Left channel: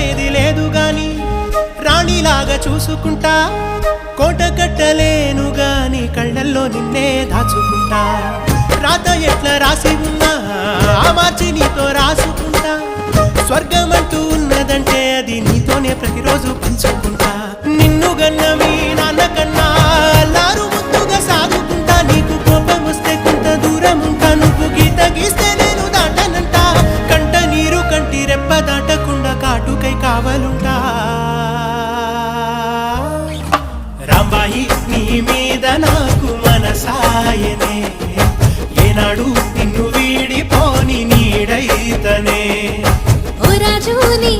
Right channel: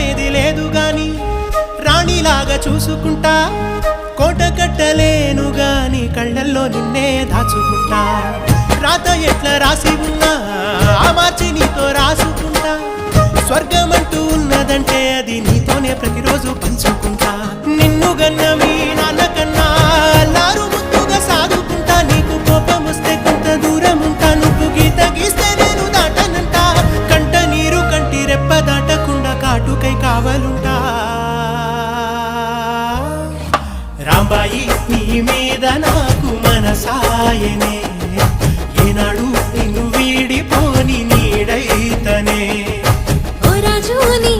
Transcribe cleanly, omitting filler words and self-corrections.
నమ్మేది లేదు గాని రాణిలాగా చూసుకుంటా కోట కట్టలేను గాని కళ్ళల్లో నిన్నే దాచుకుంటా రాత ఎట్లా రాసి ఉన్నా మార్చి నీతో రాసుకుంటా స్వర్గమంటూ ఉన్నదంటే అది నీతోనే ప్రతిరోజు పంచుకుంటా నిన్ను గన్న మీ నాన్న కన్నా లారు ముద్దుగా సాదుకుంటా నీకు కోపం వస్తే కొంత దూరం ఉంటా నువ్వు గీత గీస్తే నేను దాటనంట కంట నీరు కంటి రెప్ప దాటకుండా కాటుకై కావలుంటా రాంబాయి నీ మీద నాకు మనసాయనే ఏనాడు నిన్ను వీడిపోని నీడైతనే ఓ రాజు నీ